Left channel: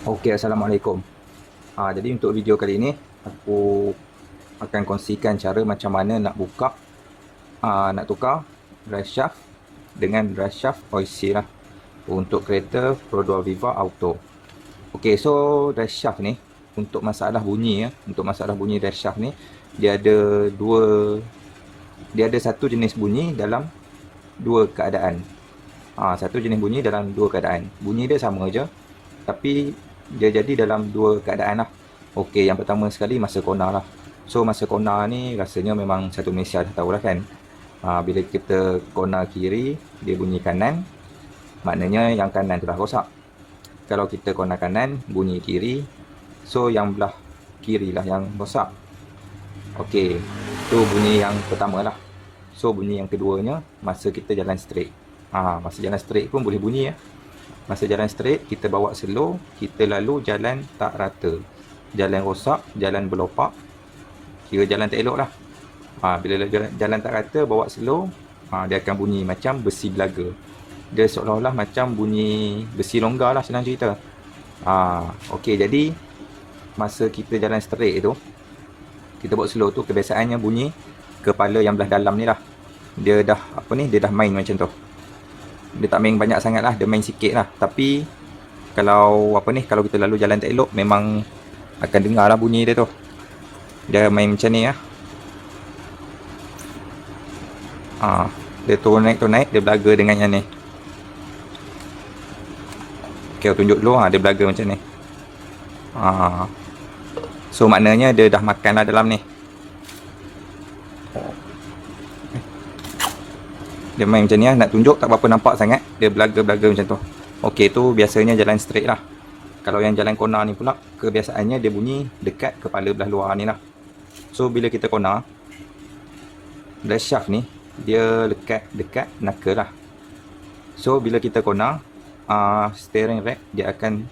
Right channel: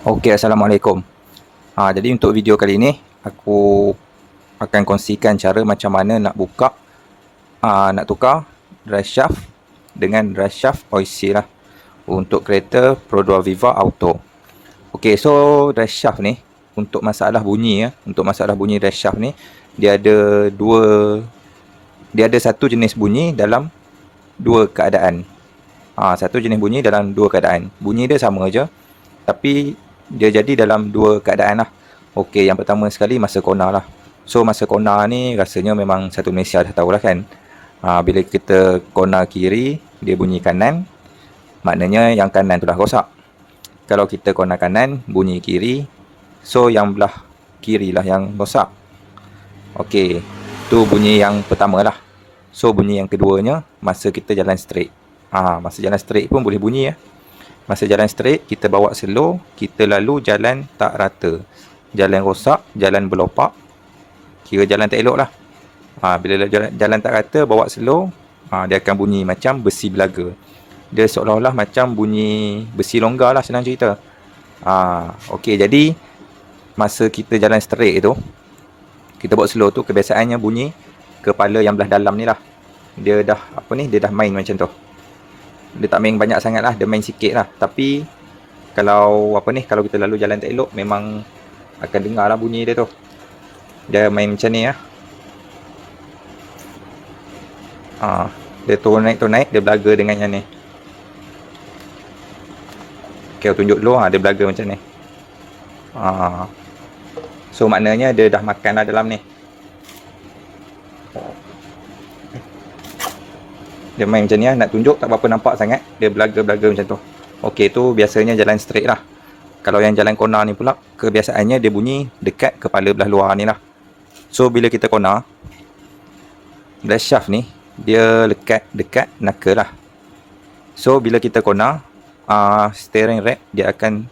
Okey, Assalamualaikum. Jadi untuk video kali ini, aku akan kongsikan cara macam mana nak buka, nak tukar drive shaft dengan drive shaft OIC lah untuk kereta Pro 2 Viva Auto. Okey, so drive shaft ni untuk masalah bunyi ya, untuk masalah bunyi drive shaft ni dia ada satu jenis bunyi dalam dua keadaan. Satu jenis bunyi dalam dua keadaan. Bunyi dia sama je, tapi dia jadi dalam dua keadaan lah. Okey, yang pertama sekali masa kona lah. So masa kona ni rasanya memang satu Malaysia dah tahu lah kan. Bila kita kona kiri, dia bunyi kanan, maknanya yang kanan tu dah rosak. Kalau kita kona kanan, bunyi kiri, so yang belah kiri lah yang rosak. Okey, tu bunyi yang pertama lah. So bunyi yang keduanya masa kita jalan straight. Masa jalan straight pun boleh bunyi ya. Masa jalan straight, kita bawa slow, kita lalu jalan tak rata. Jalan rosak, jalan berlopak, kira jalan tak elok lah. Bila jalan tak rata, bawa slow, dia akan bunyi macam besi belaga. Dia seolah-olah macam bunyi besi longgar lah, senang cerita. Okey, jadi masa kita jalan straight tu, kita bawa slow tu, kebiasaannya bunyi kepala yang belah dalam ni lah. Dia dah main macam tu. Dia tak main banyak sangat lah, dia main sikit lah. Tapi kalau kalau kita lalu jalan tak elok, memang akan dengar lah bunyi dia tu. Dia main macam ni lah. Dia turun naik, dia belaga dengan yang ni. Okay, tunjuk dulu, dia belaga macam ni. So maknanya dia dah makan lah dalam ni. Dia main macam ni lah, nak tunjuk tak berapa nampak sangat. Dia belaga-belaga macam tu. Okey, tu biasanya jalan straight lah. Kalau yang jalan corner ni pula, kebiasaannya dia bunyi dekat kepala belah luar ni lah. So bila kita corner, drive shaft ni dia dekat knuckle lah. So bila kita corner, steering rack dia akan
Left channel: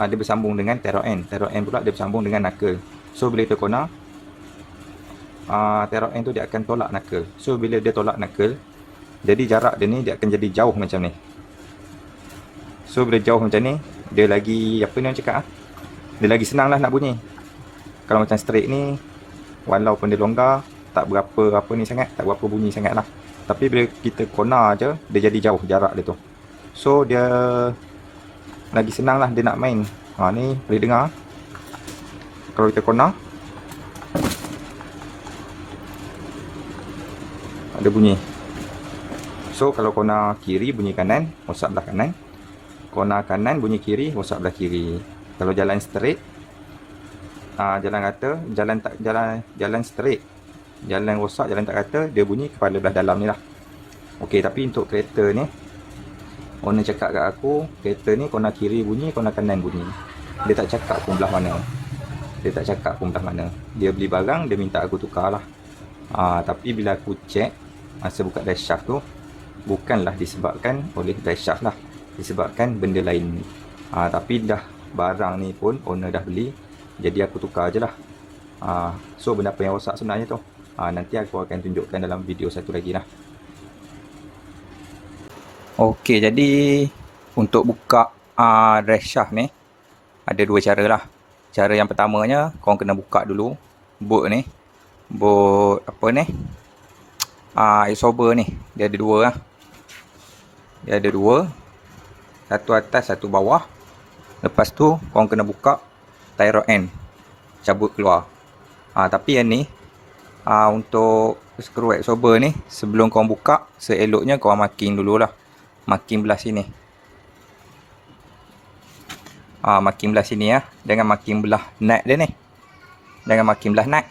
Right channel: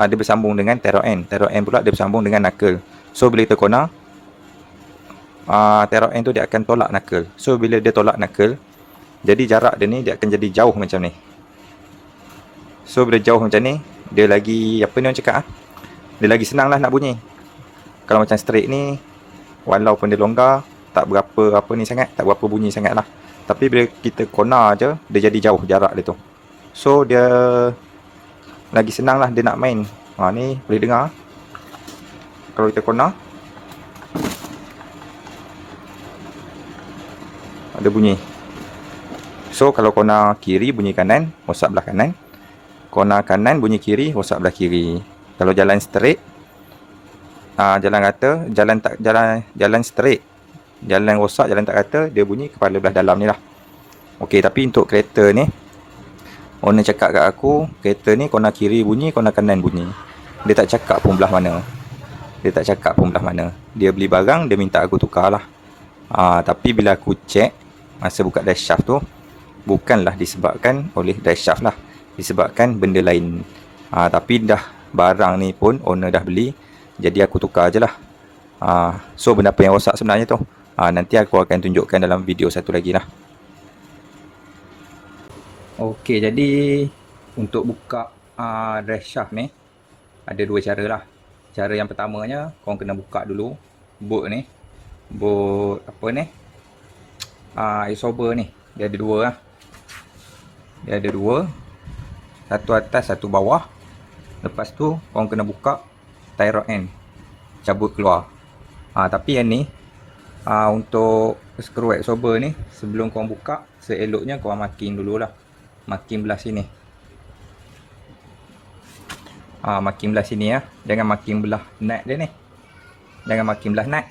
dia bersambung dengan terror end. Terror end pula dia bersambung dengan knuckle. So bila kita corner, terror end tu dia akan tolak knuckle. So bila dia tolak knuckle, jadi jarak dia ni dia akan jadi jauh macam ni. So bila jauh macam ni, dia lagi orang cakap dia lagi senang lah nak bunyi. Kalau macam straight ni, walaupun dia longgar, tak berapa sangat, tak berapa bunyi sangat lah. Tapi bila kita corner je, dia jadi jauh jarak dia tu. So dia lagi senang lah dia nak main. Ni boleh dengar. Kalau kita corner, ada bunyi. So kalau corner kiri bunyi kanan, rosak belah kanan. Corner kanan bunyi kiri, rosak belah kiri. Kalau jalan straight, jalan rata, jalan straight, jalan rosak, jalan tak rata, dia bunyi kepala belah dalam ni lah. Okey, tapi untuk kereta ni, owner cakap kat aku, kereta ni corner kiri bunyi, corner kanan bunyi. Dia tak cakap pun belah mana. Dia beli barang, dia minta aku tukar lah. Tapi bila aku check, masa buka dash shaft tu, bukanlah disebabkan oleh drive shaft lah, disebabkan benda lain. Tapi dah barang ni pun owner dah beli, jadi aku tukar je lah. So benda apa yang rosak sebenarnya tu, nanti aku akan tunjukkan dalam video satu lagi lah. Okey, jadi untuk buka drive shaft ni ada dua cara lah. Cara yang pertamanya, korang kena buka dulu boot ni, boot absorber ni. Dia ada dua lah. Satu atas, satu bawah. Lepas tu korang kena buka tie rod end, cabut keluar. Tapi yang ni, untuk screw absorber ni, sebelum korang buka, seeloknya korang marking dululah. Marking belah sini. Marking belah sini ya. Jangan marking belah nut dia ni. Jangan marking belah nut.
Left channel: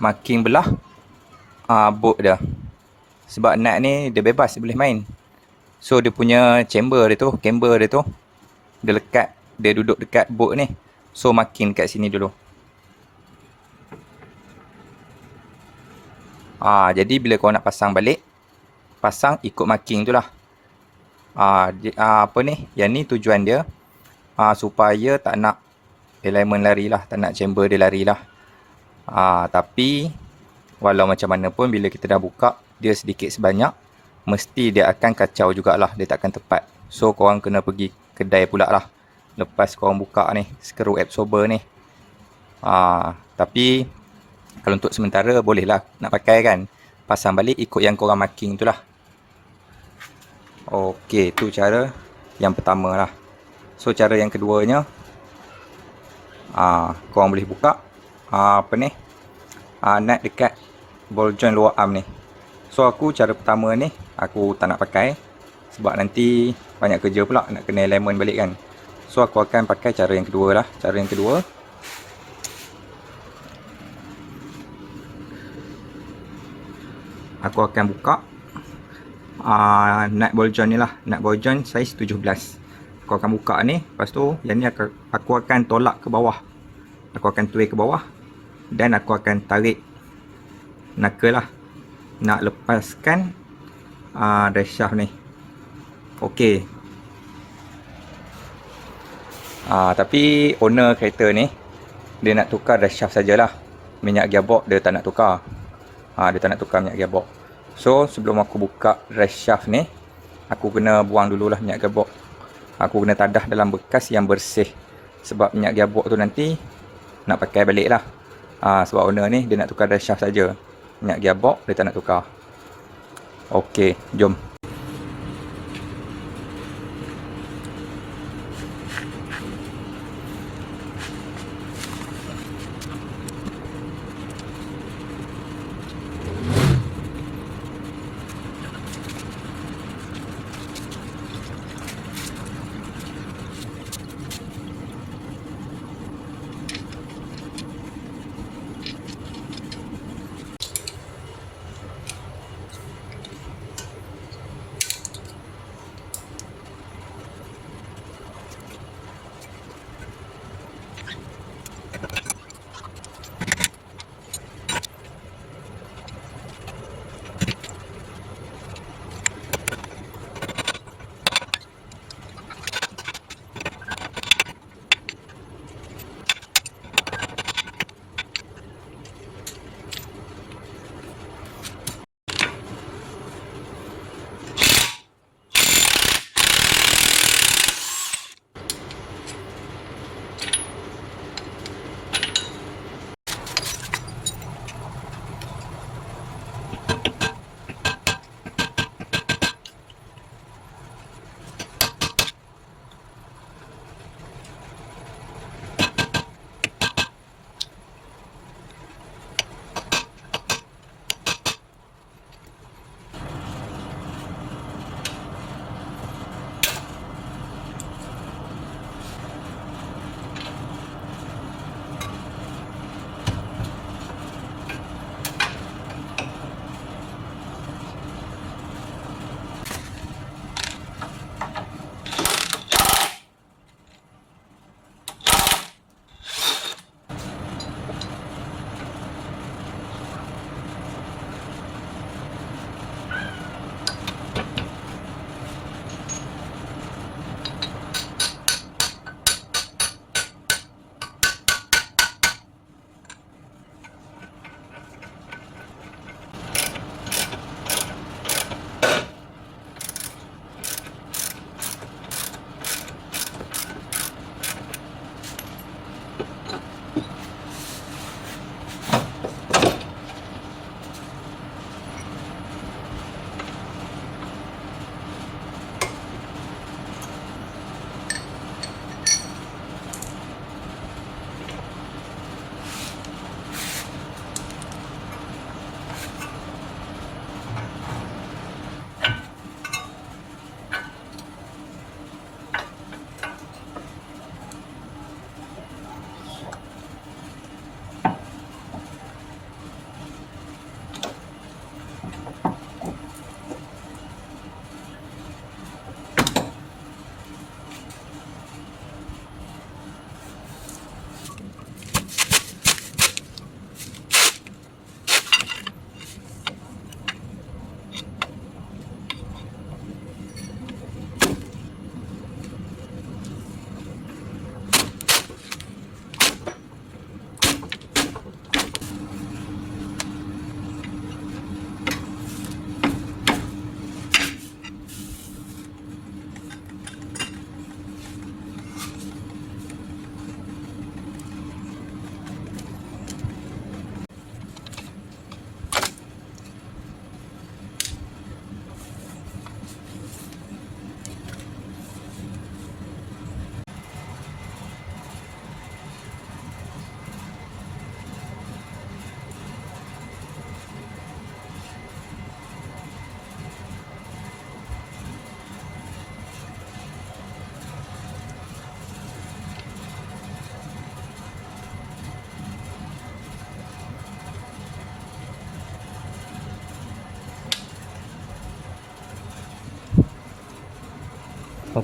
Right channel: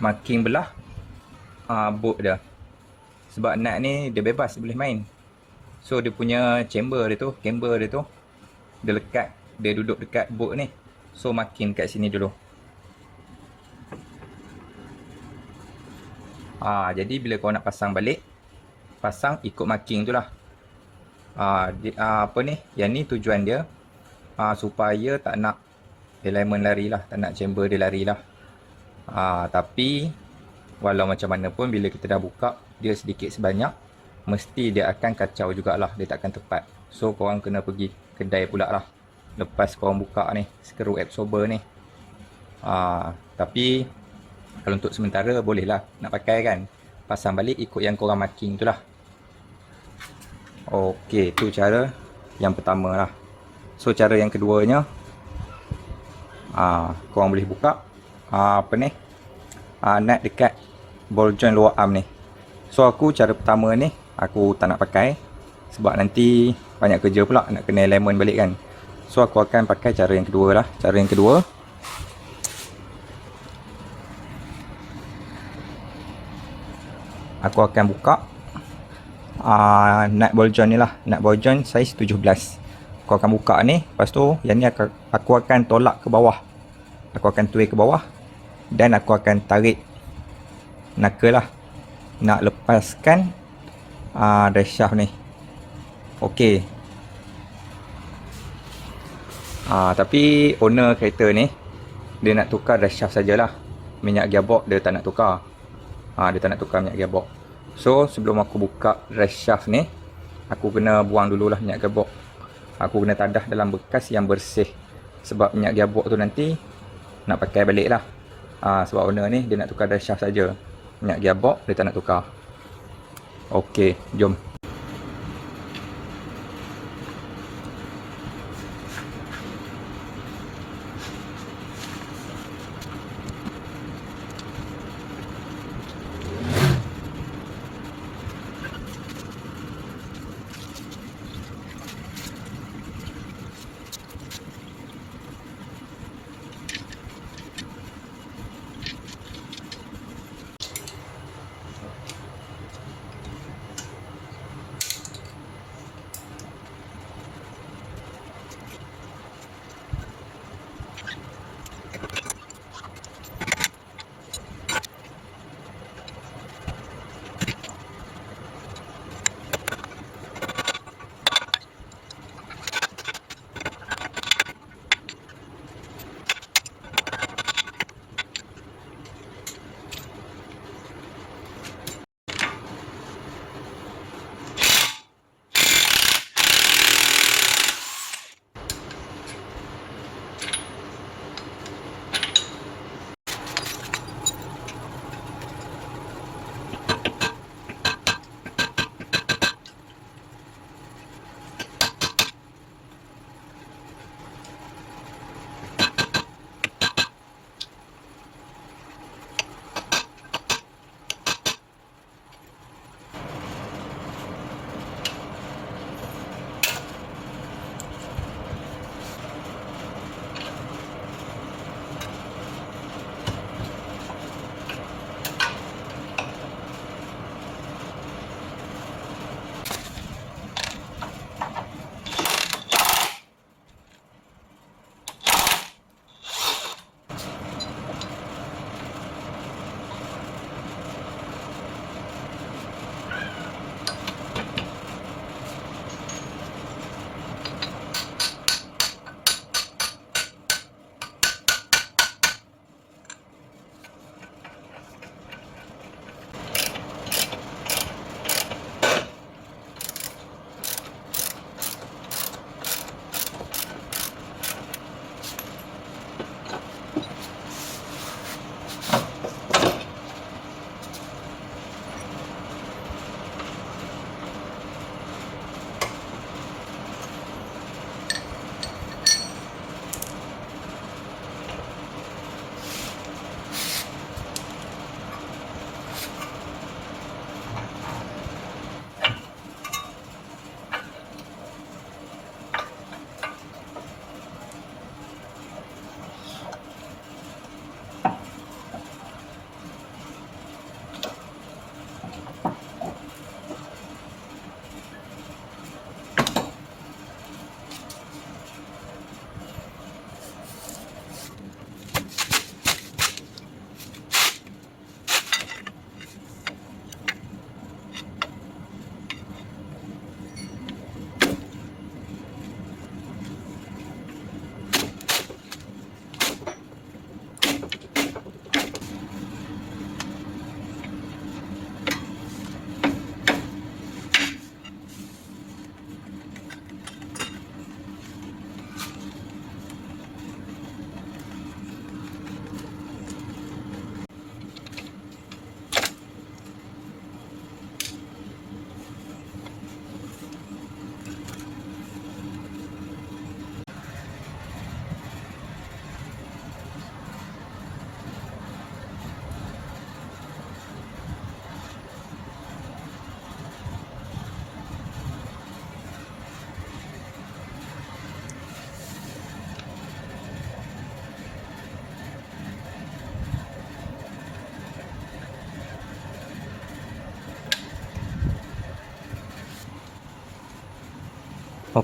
Marking belah bolt dia. Sebab nut ni dia bebas, dia boleh main. So dia punya camber dia tu, dia duduk dekat bolt ni. So marking kat sini dulu. Jadi bila kau nak pasang balik, pasang ikut marking tu lah. Yang ni tujuan dia supaya tak nak elemen lari lah, tak nak chamber dia lari lah. Tapi walau macam mana pun, bila kita dah buka, dia sedikit sebanyak mesti dia akan kacau jugalah, dia takkan tepat. So korang kena pergi kedai pula lah lepas korang buka ni skru absorber ni. Tapi kalau untuk sementara bolehlah nak pakai kan, pasang balik ikut yang korang marking tu lah. Okey, tu cara yang pertama lah. So cara yang keduanya, korang boleh buka nut dekat ball joint lower arm ni. So aku cara pertama ni aku tak nak pakai sebab nanti banyak kerja pula nak kena alignment balik kan. So aku akan pakai cara yang kedua lah. Cara yang kedua, aku akan buka nut ball joint ni lah. Nut ball joint saiz 17. Aku akan buka ni, lepas tu yang ni aku akan tolak ke bawah. Aku akan tuai ke bawah dan aku akan tarik knuckle lah, nak lepaskan drive shaft ni. Okey. Tapi owner kereta ni dia nak tukar drive shaft sajalah. Minyak gearbox dia tak nak tukar. Dia tak nak tukar minyak gearbox. So sebelum aku buka drive shaft ni, aku kena buang dululah minyak gearbox. Aku kena tadah dalam bekas yang bersih. Sebab minyak gearbox tu nanti nak pakai balik lah. Sebab owner ni dia nak tukar drive shaft saja. Minyak gearbox dia tak nak tukar. Okey, jom.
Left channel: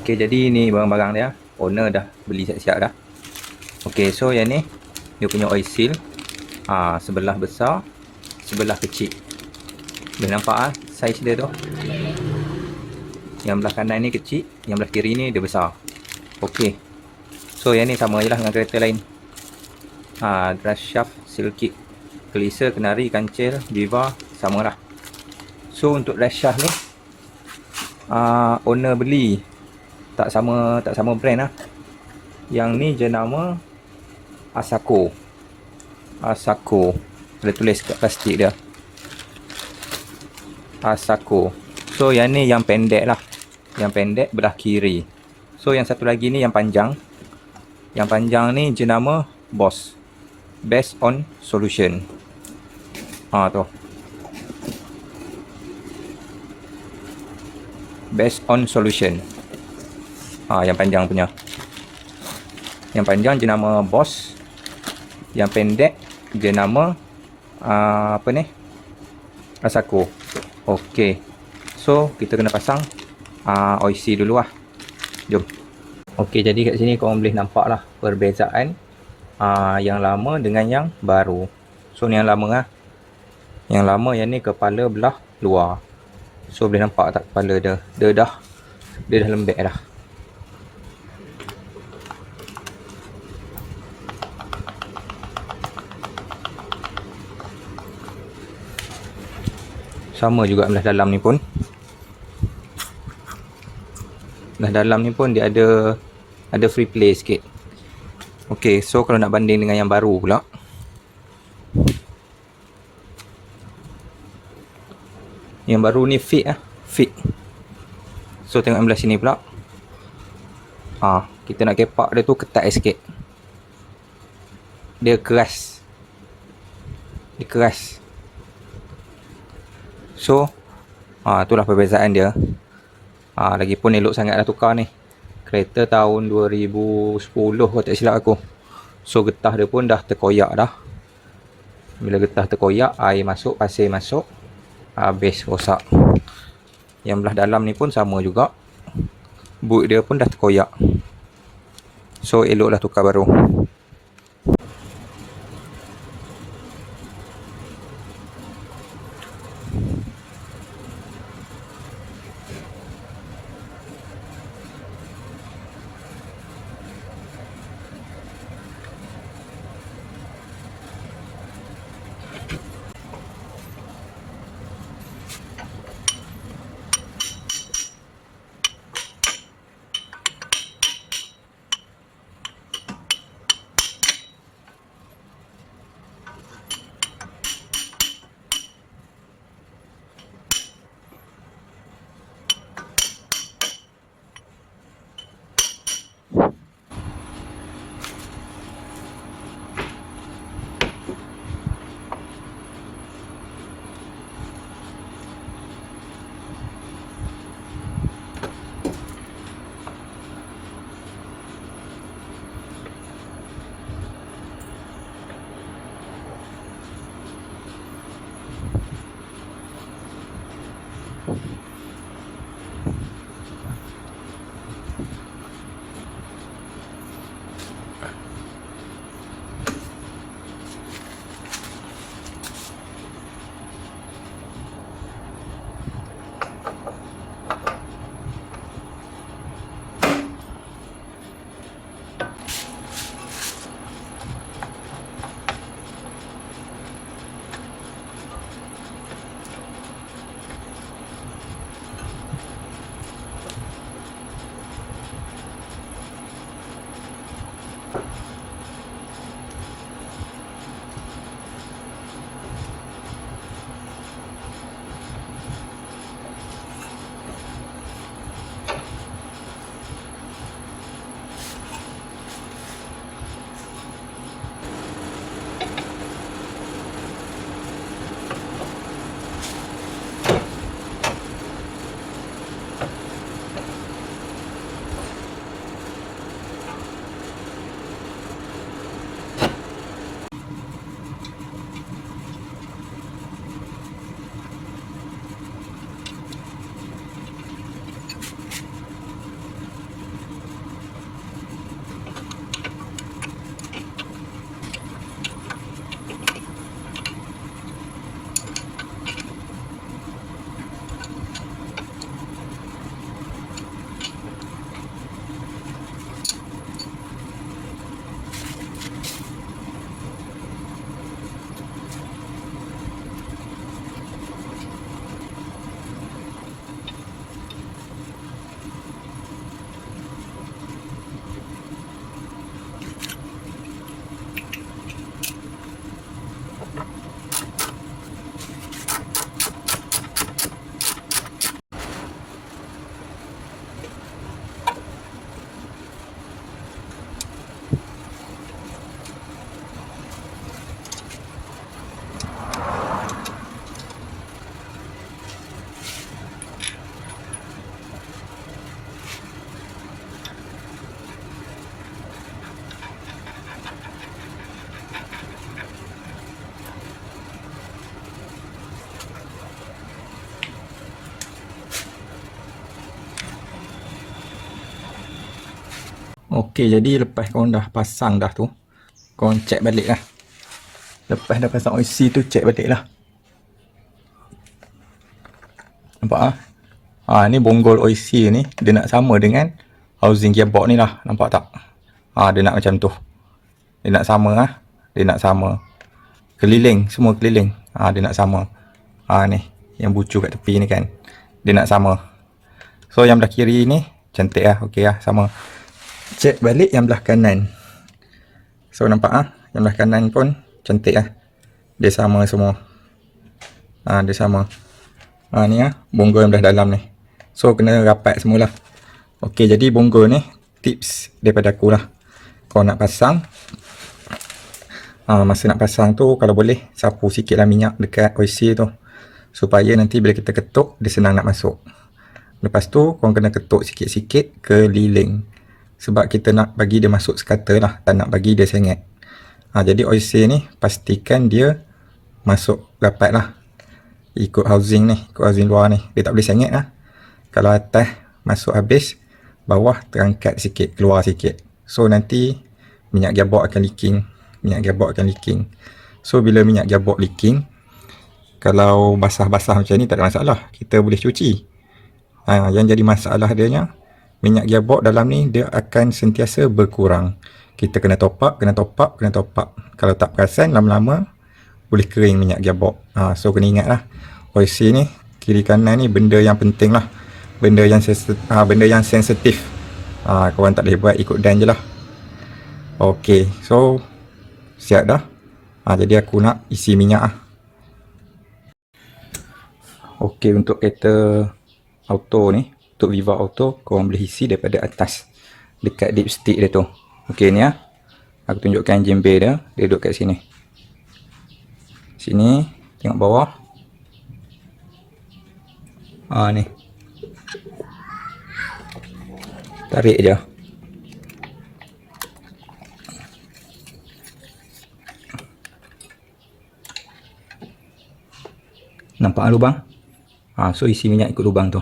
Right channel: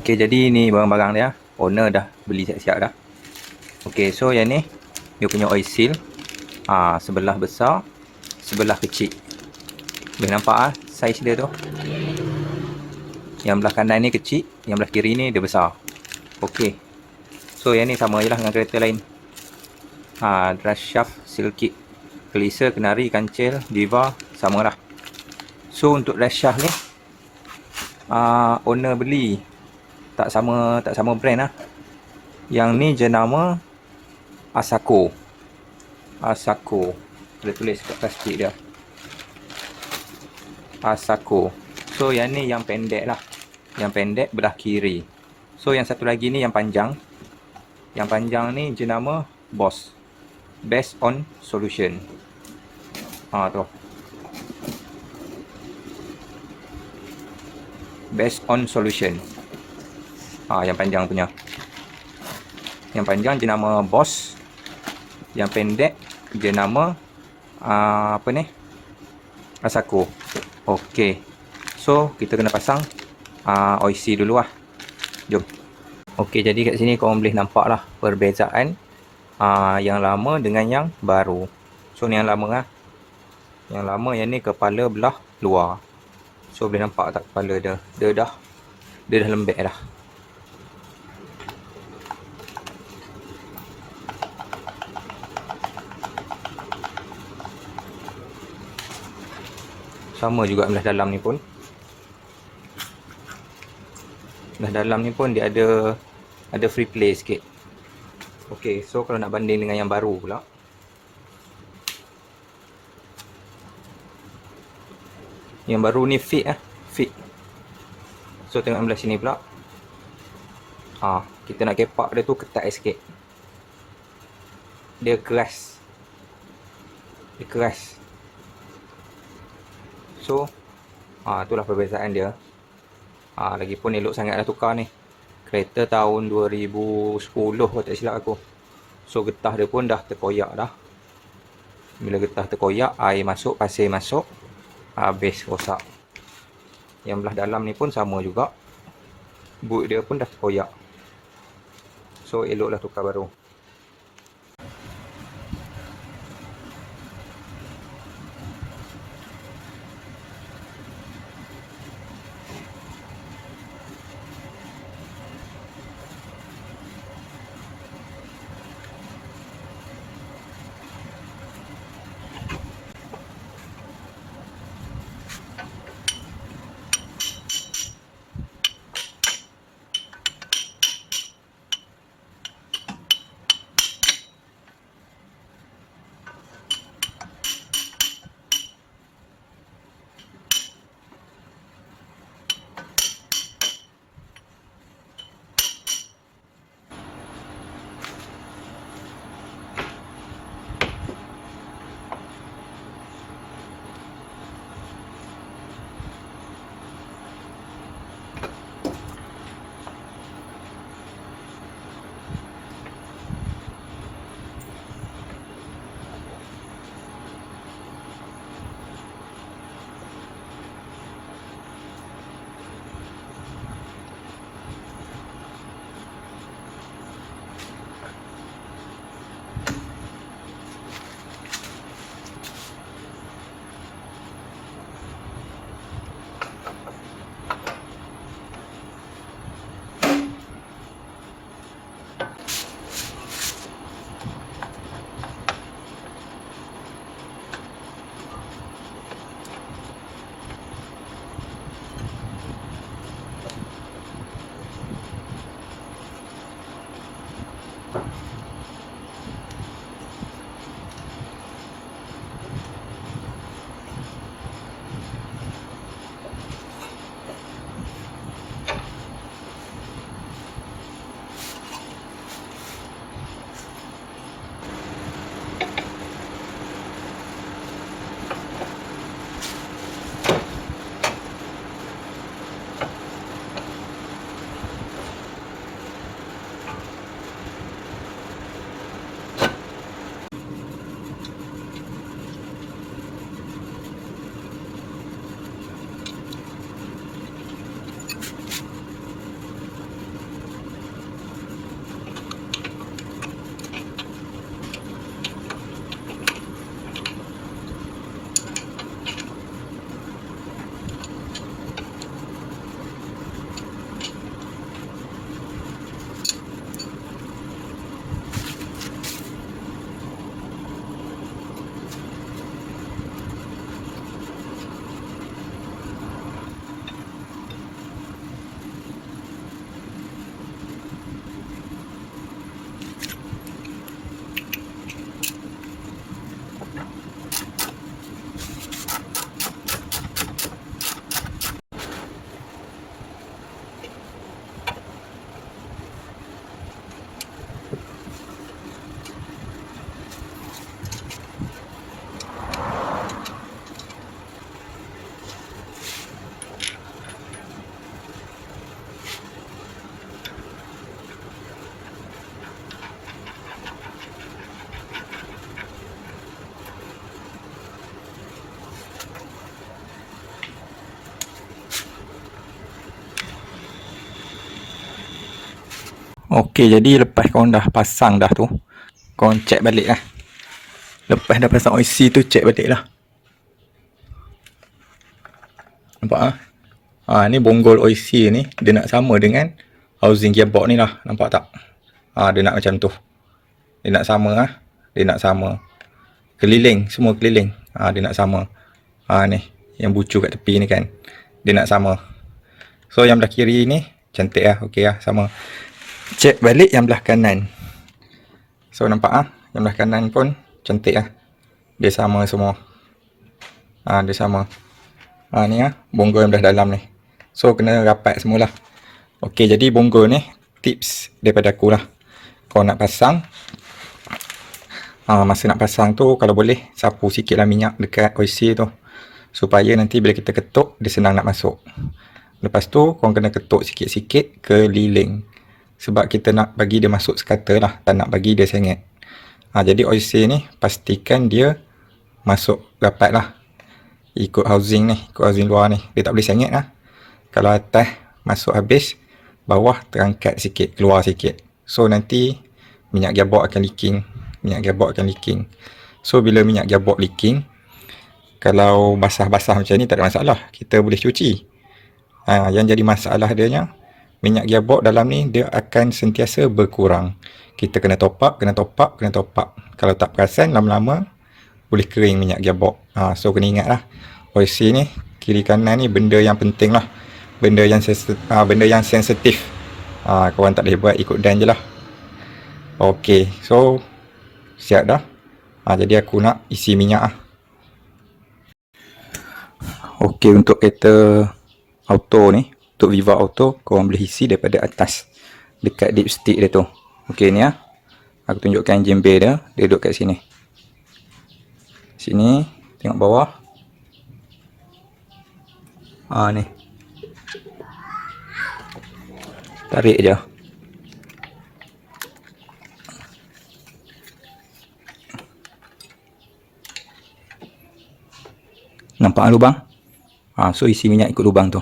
Okey, jadi ni barang-barang dia. Owner dah beli siap-siap dah. Okey, so yang ni dia punya oil seal. Sebelah besar, sebelah kecil. Boleh nampak saiz dia tu. Yang belah kanan ni kecil, yang belah kiri ni dia besar. Okey. So yang ni sama je lah dengan kereta lain. Drive shaft, seal kit, Kelisa, Kenari, Kancil, Viva sama lah. So untuk drive shaft ni owner beli tak sama brand lah. Yang ni jenama Asako. Ada tulis kat plastik dia. Asako. So yang ni yang pendek lah. Yang pendek belah kiri. So yang satu lagi ni yang panjang. Yang panjang ni jenama Boss. Best on Solution. Tu. Best on Solution. Yang panjang punya. Yang panjang jenama Boss. Yang pendek jenama apa ni? Asako. Okey. So kita kena pasang oil seal dulu lah. Jom. Okey, jadi kat sini korang boleh nampak lah perbezaan yang lama dengan yang baru. So ni yang lama lah. Yang lama yang ni kepala belah luar. So boleh nampak tak kepala dia? Dia dah lembek dah. Sama juga belah dalam ni pun. Belah dalam ni pun dia ada free play sikit. Okey, so kalau nak banding dengan yang baru pula. Yang baru ni fit lah. Fit. So tengok belah sini pula. Kita nak kepak dia tu ketat sikit. Dia keras. So itulah perbezaan dia. Lagipun elok sangat dah tukar ni. Kereta tahun 2010 kalau tak silap aku. So getah dia pun dah terkoyak dah. Bila getah terkoyak, air masuk, pasir masuk, habis rosak. Yang belah dalam ni pun sama juga. Boot dia pun dah terkoyak. So eloklah tukar baru. Okey, jadi lepas korang dah pasang dah tu, korang check balik lah. Lepas dah pasang OC tu, check balik lah. Nampak ah? Ni bonggol OC ni, dia nak sama dengan housing gearbox ni lah. Nampak tak? Dia nak macam tu. Dia nak sama ah. Dia nak sama. Keliling, semua keliling. Dia nak sama. Ni, yang bucu kat tepi ni kan. Dia nak sama. So, yang belah kiri ni, cantik lah. Okey lah, sama. Check balik yang belah kanan. So, nampak ah? Yang belah kanan pun cantik lah. Dia sama semua. Dia sama. Ni bonggol yang belah dalam ni. So, kena rapat semualah. Okey, jadi bonggol ni tips daripada aku lah. Kau nak pasang, masa nak pasang tu, kalau boleh sapu sikit lah minyak dekat OC tu, supaya nanti bila kita ketuk, dia senang nak masuk. Lepas tu, korang kena ketuk sikit-sikit keliling. Sebab kita nak bagi dia masuk sekata lah, tak nak bagi dia sengit. Jadi OC ni, pastikan dia masuk rapat lah. Ikut housing ni, ikut housing luar ni. Dia tak boleh sengit lah. Kalau atas masuk habis, bawah terangkat sikit, keluar sikit. So, nanti minyak gearbox akan leaking. Minyak gearbox akan leaking. So, bila minyak gearbox leaking, kalau basah-basah macam ni tak ada masalah. Kita boleh cuci. Yang jadi masalah dianya, minyak gearbox dalam ni dia akan sentiasa berkurang. Kita kena top up, kena top up, kena top up. Kalau tak perasan, lama-lama boleh kering minyak gearbox. So, kena ingat lah. OC ni, kiri kanan ni benda yang penting lah. Benda yang sensitif. Korang tak boleh buat, ikut dan je lah. Okey, so siap dah. Jadi aku nak isi minyak lah. Okey, untuk kereta auto ni, untuk Viva Auto, korang boleh isi daripada atas, dekat dipstick dia tu. Okey, ni aku tunjukkan engine bay dia. Dia duduk kat sini. Sini, tengok bawah. Ni. Tarik je. Nampak lubang? So isi minyak ikut lubang tu.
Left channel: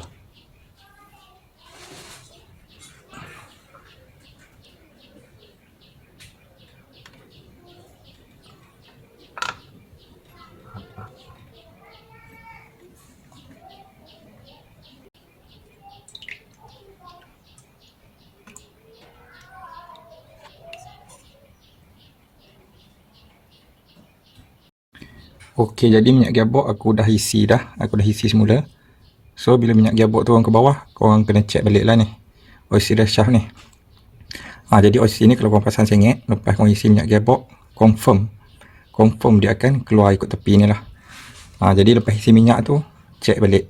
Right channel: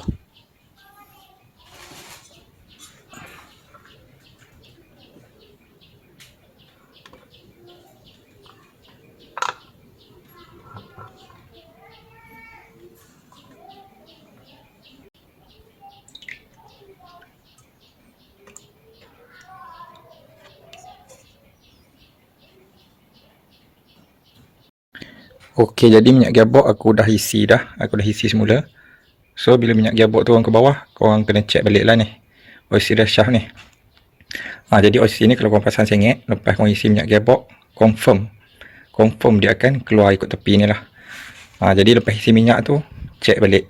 Okey, jadi minyak gearbox aku dah isi dah. Aku dah isi semula. So, bila minyak gearbox turun ke bawah, korang kena check balik lah ni. OC dah shaft ni. Jadi OC ni kalau korang pasang sengit, lepas korang isi minyak gearbox, confirm dia akan keluar ikut tepi ni lah. Jadi lepas isi minyak tu, check balik.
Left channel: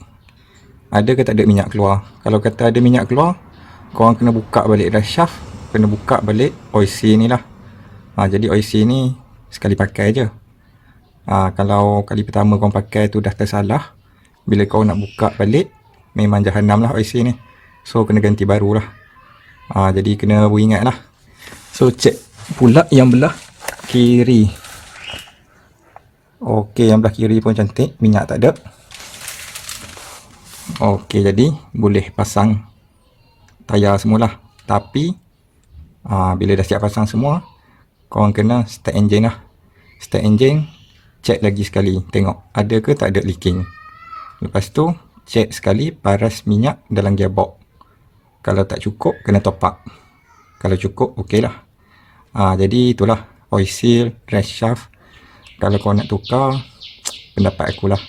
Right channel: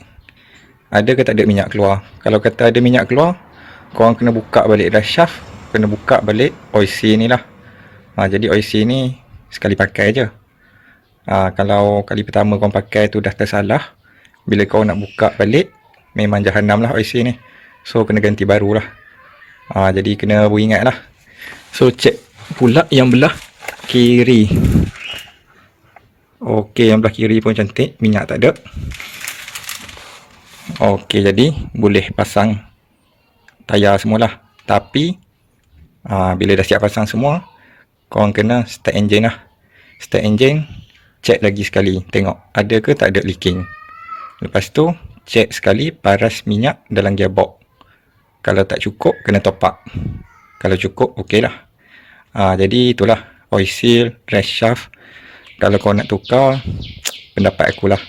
Ada ke tak ada minyak keluar. Kalau kata ada minyak keluar, korang kena buka balik dah shaft. Kena buka balik OC ni lah. Jadi OC ni sekali pakai je. Kalau kali pertama korang pakai tu dah tersalah, bila kau nak buka balik, memang jahanam lah OC ni. So, kena ganti baru lah. Jadi, kena beringat lah. So, check pula yang belah kiri. Okey, yang belah kiri pun cantik. Minyak tak ada. Okey, jadi boleh pasang tayar semualah. Tapi, bila dah siap pasang semua, korang kena start engine lah. Start engine, check lagi sekali. Tengok, ada ke tak ada leaking. Lepas tu, check sekali paras minyak dalam gearbox. Kalau tak cukup, kena top up. Kalau cukup, okey lah. Jadi itulah oil seal, drive shaft. Kalau kau nak tukar, pendapat akulah,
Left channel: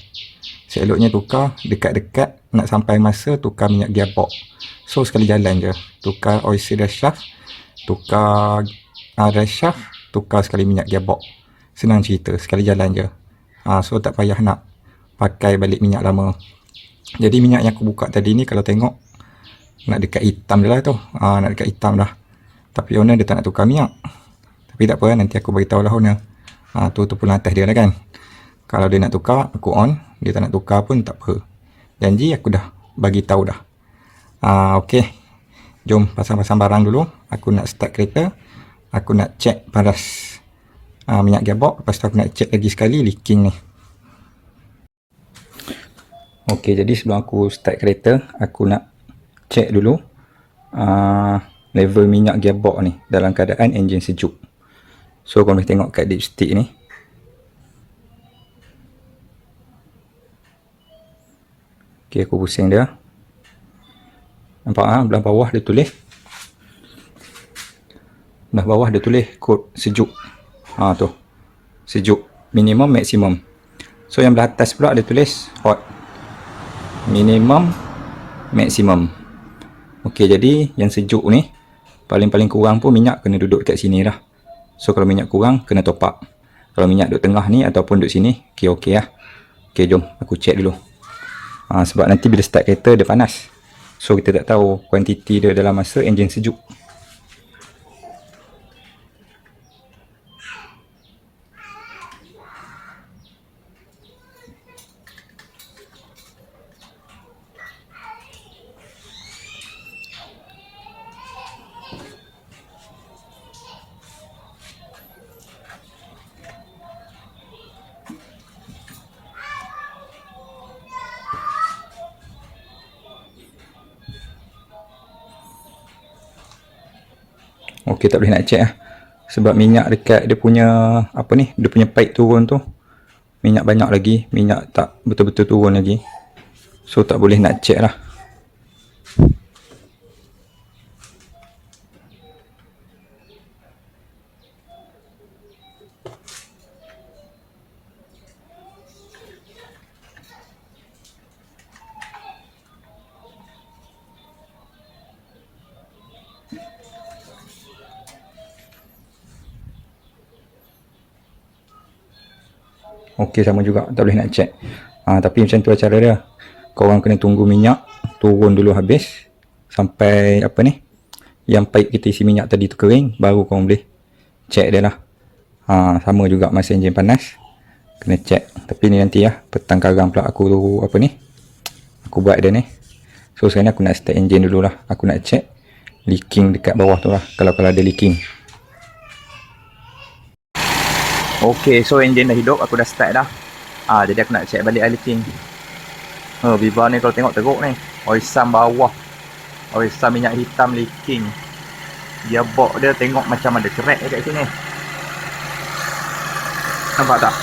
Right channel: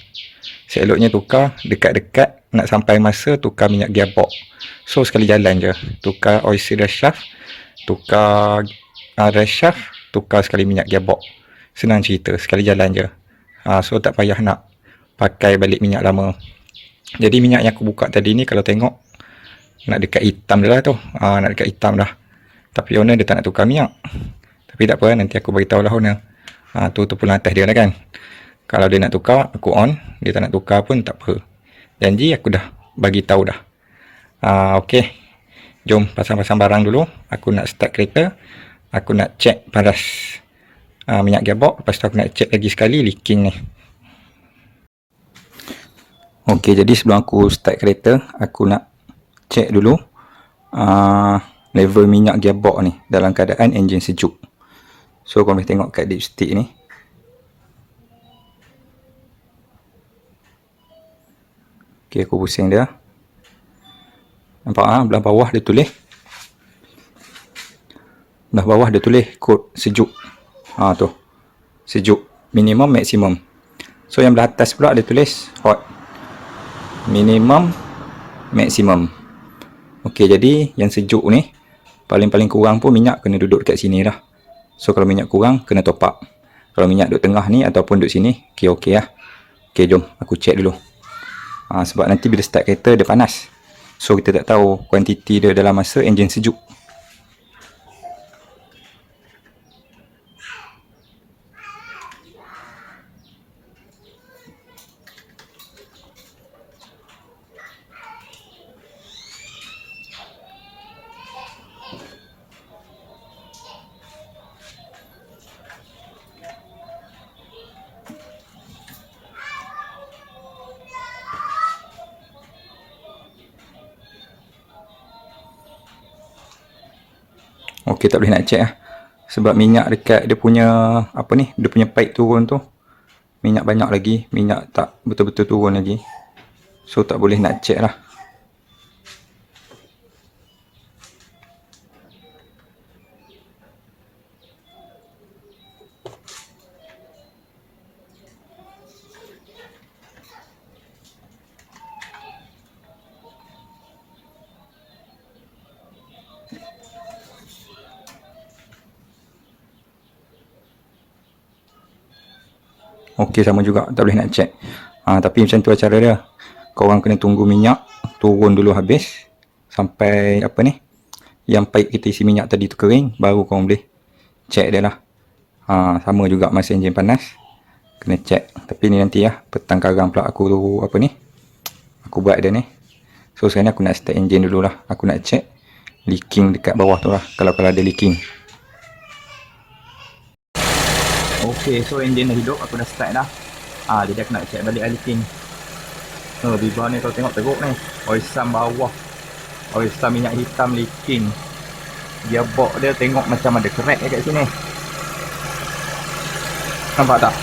seeloknya tukar dekat-dekat nak sampai masa tukar minyak gearbox. So, sekali jalan je. Tukar oil seal drive shaft, tukar drive shaft, tukar sekali minyak gearbox. Senang cerita, sekali jalan je. So, tak payah nak pakai balik minyak lama. Jadi, minyak yang aku buka tadi ni, kalau tengok, nak dekat hitam dah lah tu. Nak dekat hitam dah. Tapi owner dia tak nak tukar minyak. Tapi tak apa, nanti aku beritahu lah owner. Tu pulang atas dia lah kan. Kalau dia nak tukar, aku on. Dia tak nak tukar pun tak apa. Janji aku dah bagi tahu dah. Okey. Jom pasang-pasang barang dulu. Aku nak start kereta. Aku nak check paras minyak gearbox. Lepas tu aku nak check lagi sekali leaking ni. Okey, jadi sebelum aku start kereta, aku nak check dulu level minyak gearbox ni dalam keadaan enjin sejuk. So korang boleh tengok kat dipstick ni. Ok, aku pusing dia. Nampak belah bawah dia tulis. Belah bawah dia tulis kod sejuk. Tu. Sejuk. Minimum, maksimum. So yang belah atas pula dia tulis hot. Minimum, maksimum. Ok, jadi yang sejuk ni paling-paling kurang pun minyak kena duduk dekat sini dah. So kalau minyak kurang kena top up. Kalau minyak duduk tengah ni ataupun duduk sini, ok lah. Ok, jom aku check dulu. Sebab nanti bila start kereta dia panas. So kita tak tahu kuantiti dia dalam masa enjin sejuk. Ok, tak boleh nak check lah. Sebab minyak dekat dia punya apa ni, dia punya pipe turun tu minyak banyak lagi, minyak tak betul-betul turun lagi. So tak boleh nak check lah. Ok, sama juga, tak boleh nak check. Tapi macam tu lah cara dia. Korang kena tunggu minyak turun dulu habis sampai apa ni, yang pipe kita isi minyak tadi tu kering, baru korang boleh check dia lah. Sama juga masa enjin panas kena check. Tapi ni nanti lah, petang karang pula aku apa ni, aku buat dia ni. So sekarang ni aku nak start enjin dulu lah. Aku nak check leaking dekat bawah tu lah, kalau ada leaking. Ok, so enjin dah hidup, aku dah start dah. Jadi aku nak check balik leaking. Viva ni kalau tengok teruk ni, oil sum bawah, oil sum minyak hitam leaking. Gearbox dia tengok macam ada crack dekat sini. Nampak tak?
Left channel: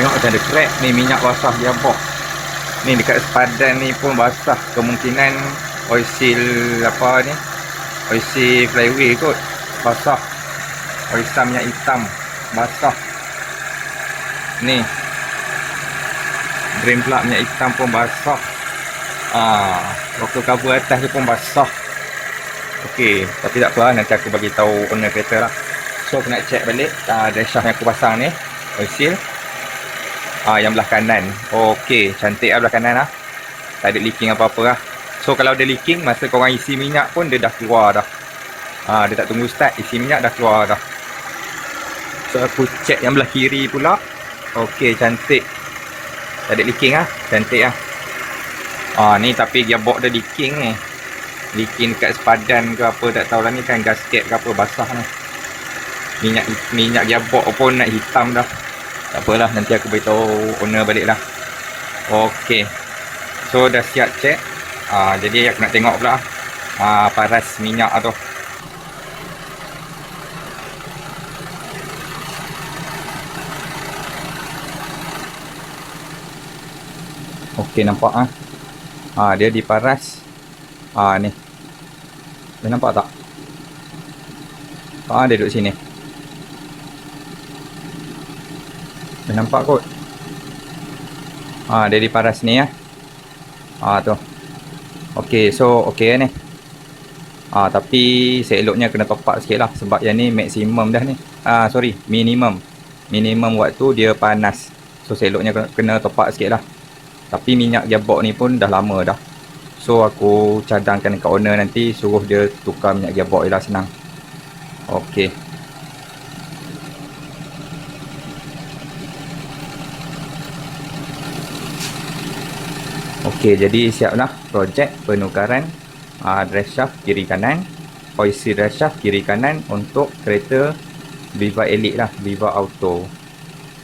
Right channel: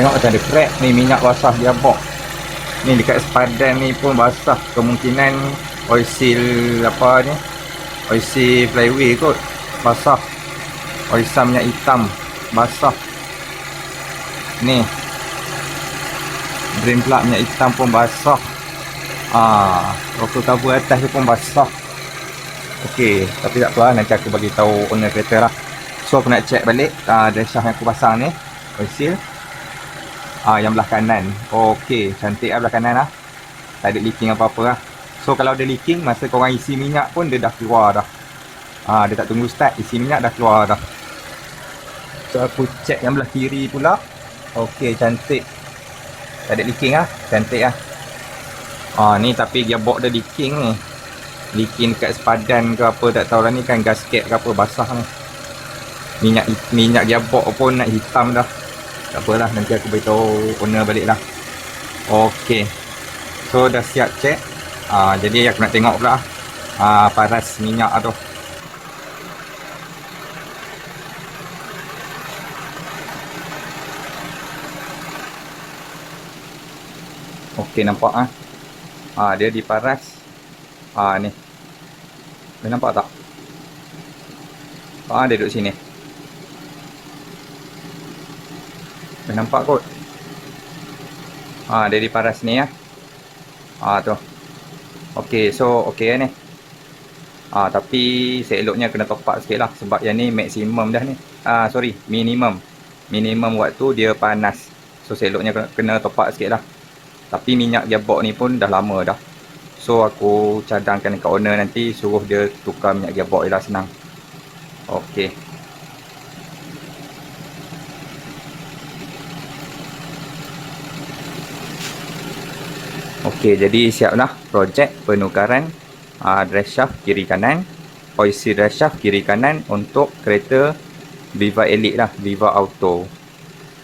Tengok macam ada crack ni, minyak basah gearbox. Ni dekat sepadan ni pun basah. Kemungkinan oil seal apa ni, oil seal flywheel kot basah. Oil sum minyak hitam basah. Ni drain plug minyak hitam pun basah. Rocker cover atas tu pun basah. Ok, tapi tak apa, nanti aku bagi tahu owner kereta lah. So aku nak check balik dress shaft yang aku pasang ni, oil seal yang belah kanan. Ok, cantik lah belah kanan lah. Tak ada leaking apa-apa lah. So kalau ada leaking, masa korang isi minyak pun dia dah keluar dah. Dia tak tunggu start, isi minyak dah keluar dah. So aku check yang belah kiri pula. Ok, cantik. Tak ada leaking lah, cantik lah. Ni tapi gearbox dia leaking ni. Leaking dekat sepadan ke apa tak tahulah, ni kan gasket ke apa basah ni. Minyak gearbox pun nak hitam dah. Tak apalah, nanti aku beritahu owner balik lah. Ok, so dah siap check. Jadi aku nak tengok pula paras minyak tu. Ok, nampak dia diparas. Ni boleh nampak tak? Dia duduk sini. Boleh nampak kot. Dia diparas ni ya. Tu. Ok, so ok ni. Tapi seeloknya kena top up sikit lah. Sebab yang ni maksimum dah ni. Sorry, minimum. Minimum waktu dia panas. So seeloknya kena top up sikit lah. Tapi minyak gearbox ni pun dah lama dah. So aku cadangkan dekat owner nanti, suruh dia tukar minyak gearbox je lah, senang. Ok. Ok, jadi siap lah projek penukaran dress shaft kiri kanan, oil seal dress shaft kiri kanan untuk kereta Viva Elite lah, Viva Auto.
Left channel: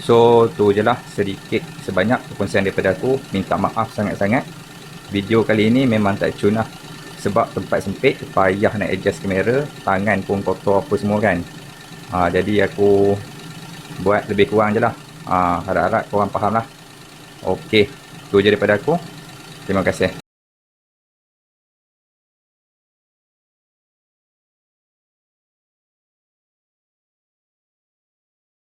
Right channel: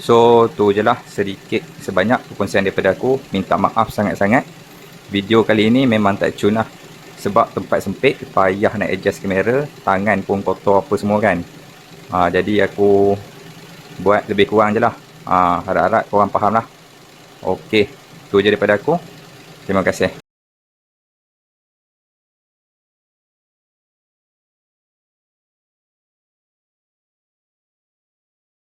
So tu je lah sedikit sebanyak perkongsian daripada aku. Minta maaf sangat-sangat. video kali ini memang tak cun lah. Sebab tempat sempit, payah nak adjust kamera, tangan pun kotor apa semua kan. Jadi aku buat lebih kurang je lah. Harap-harap korang faham lah. Okey, tu je daripada aku. Terima kasih.